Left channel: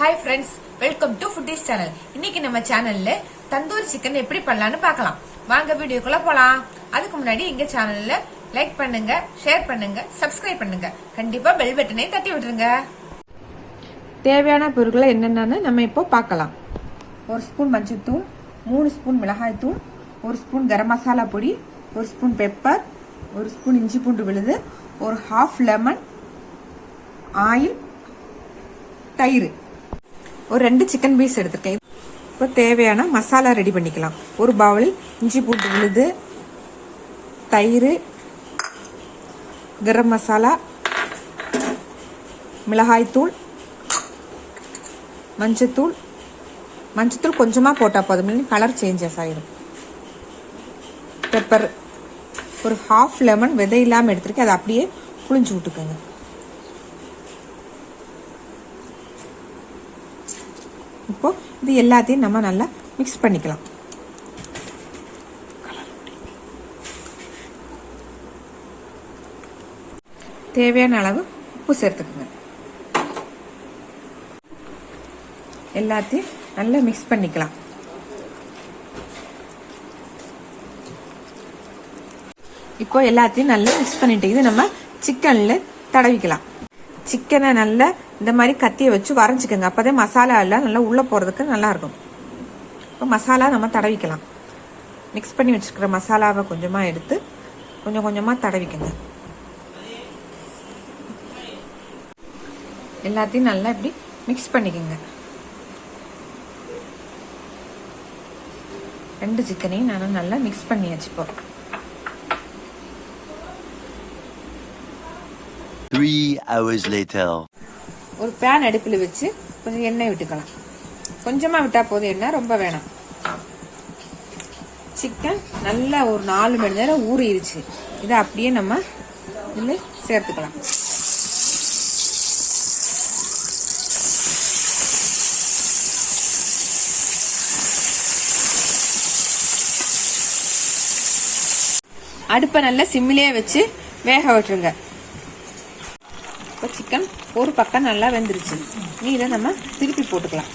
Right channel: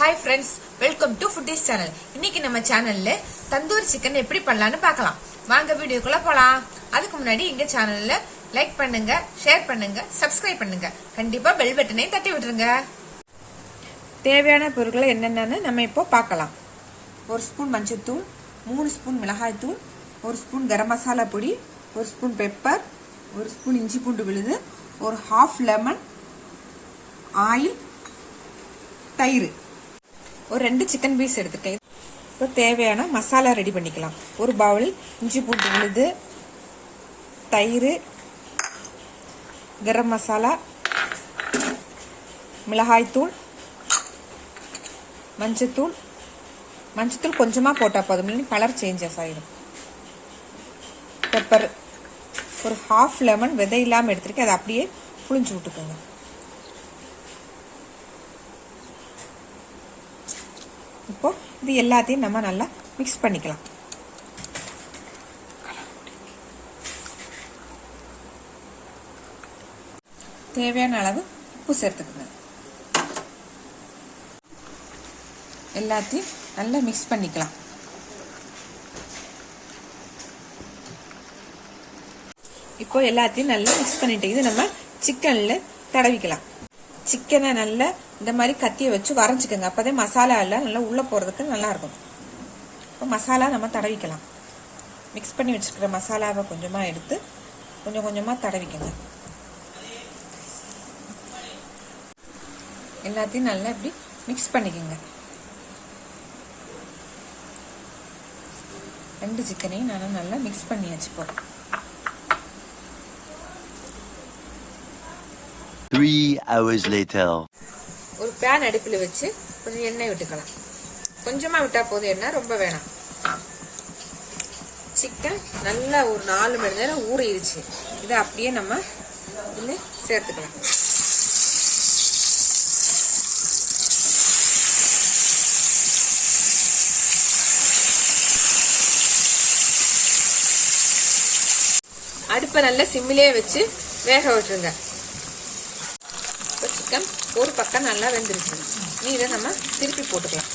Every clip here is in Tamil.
Hi friends, welcome to Foodies channel. இன்னைக்கு நம்ம சேனல்ல தந்தூரி சிக்கன் எப்படி பண்ணலாம்னு பார்க்கலாம். வாங்க வீடியோக்குள்ள போலாம். அதுக்கு முன்னாடி எங்க சேனல்ல லைக் பண்ணுங்க, ஷேர் பண்ணுங்க, சப்ஸ்கிரைப் பண்ணுங்க. கண்டிப்பா பெல் பட்டனை தட்டி விட்டுருங்க. தேவையான பொருட்கள் என்னென்னன்னு நம்ம இப்போ பார்க்கலாம். 1 ஸ்பூன் மஞ்சள்தூள், 3 ஸ்பூன் மிளகாய் தூள், 1 ஸ்பூன் கரம் மசாலா பொடி, 1 ஸ்பூன் பெப்பர், 1 ஸ்பூன் இஞ்சி பூண்டு விழுது, ஒரு ஹாஃப் லெமன், ஆயில், தயிர், ஒரு 2 சிக்கன் பீஸ் எடுத்துருக்கேன். இப்போ தேவையான மசாலா ரெடி பண்ணிக்கலாம். ஒரு பவுல் இஞ்சி பூண்டு விழுது, தயிர், கரம் மசாலா, மிளகாய்த்தூள், மஞ்சத்தூள் கொஞ்சமாக போட்டால் போதும், இல்லைன்னா கலர் சேஞ்சஸ் ஆகிடும். பெப்பர், ஒரு ஹாஃப் லெமன் விதை இல்லாமல் எடுத்துருக்கேன், அதை அப்படியே புளிஞ்சு விட்டுக்கோங்க. இப்போ இது எல்லாத்தையும் நம்ம நல்லா மிக்ஸ் பண்ணிக்கலாம். தேவையான அளவு உப்பு சேர்த்துக்கோங்க. எல்லாத்தையும் நல்லா மிக்ஸ் பண்ணிக்கலாம். இப்போ எல்லாத்தையும் நல்லா மிக்ஸ் பண்ணிட்டு இது நம்ம சிக்கன்ல தடவிக்கலாம். சிக்கனை நல்லா இந்த மாதிரி கத்தியை வச்சு வரைஞ்சிக்கோங்க. அப்போதே மசாலா எல்லாம் நல்லா உள்ளே போகிறதுக்கு நல்லா இருக்கும். இப்போ மசாலா நம்ம தடவிக்கலாம். மிக்ஸ் பண்ணி வச்சுக்கிற மசாலாவை கொஞ்சமாக எடுத்து கொஞ்சம் கொஞ்சமாக தடவிக்கோங்க. எல்லாத்தையும் நல்லா இப்படி மிக்ஸ் பண்ணிக்கோங்க. 2 சிக்கனையும் நான் நல்லா மிக்ஸ் பண்ணி வச்சுப்போம். 3 hours later. ஒரு பேன் அடுப்பில் வச்சு கொஞ்சம் எண்ணெய் விட்டுக்கலாம். கொஞ்சமா விட்டா போதும், எண்ணெய் ரொம்ப வேணாம். சிக்கன் நல்லா ஒரு 4 மணி நேரம் ஊறிடுச்சு. இதை அப்படியே நம்ம இதில் சேர்த்துக்கலாம். அடுப்பை நல்லா சிம்மிலே வச்சு வேக விட்டுருங்க. இப்போ சிக்கன் ஒரு பக்கம் நல்லா வெந்துருச்சு. நீ இதை நம்ம திருப்பி போட்டுக்கலாம்.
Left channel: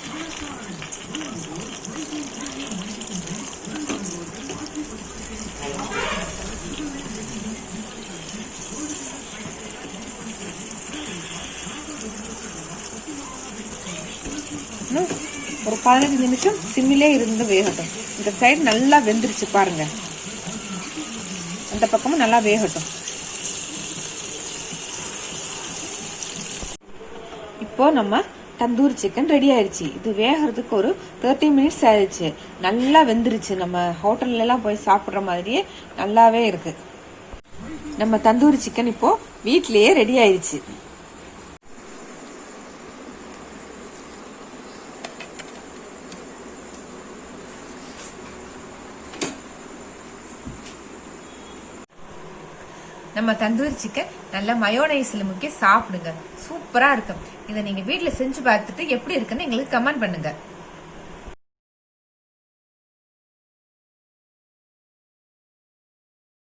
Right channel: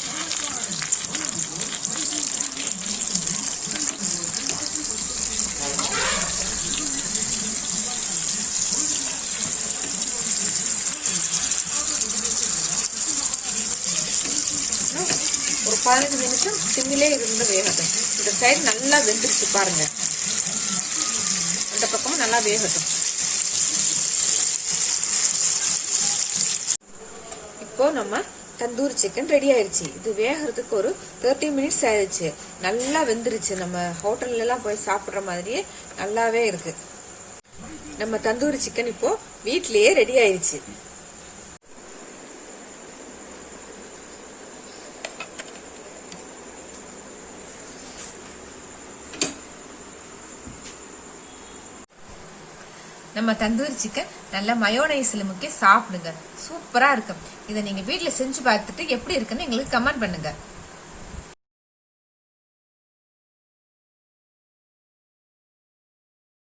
ஒரு 15 நிமிஷம் சிம்மிலே இருந்து வேகட்டும். இந்த சைடு நல்லா வெந்துருச்சு பாருங்க. அந்த பக்கமும் நல்லா வேகட்டும். இப்போ நம்ம தந்தூரி சிக்கன் ரெடி ஆயிடுச்சு. இது வேகிறதுக்கு ஒரு 30 மினிட்ஸ் ஆயிடுச்சு. நல்லா வெந்துருச்சு. நம்ம ஹோட்டல்ல எல்லாம் போய் சாப்பிட்ற மாதிரியே நல்லாவே இருக்கு. நம்ம தந்தூரி சிக்கன் இப்போ வீட்லயே ரெடி ஆயிடுச்சு. நம்ம தந்தூரி சிக்கன் நல்ல மயோனைஸ்ல முக்கி சாப்பிடுங்க. சூப்பரா இருக்கும். இதை நீங்க வீட்டுல செஞ்சு பார்த்துட்டு எப்படி இருக்குன்னு எங்களுக்கு கமெண்ட் பண்ணுங்க.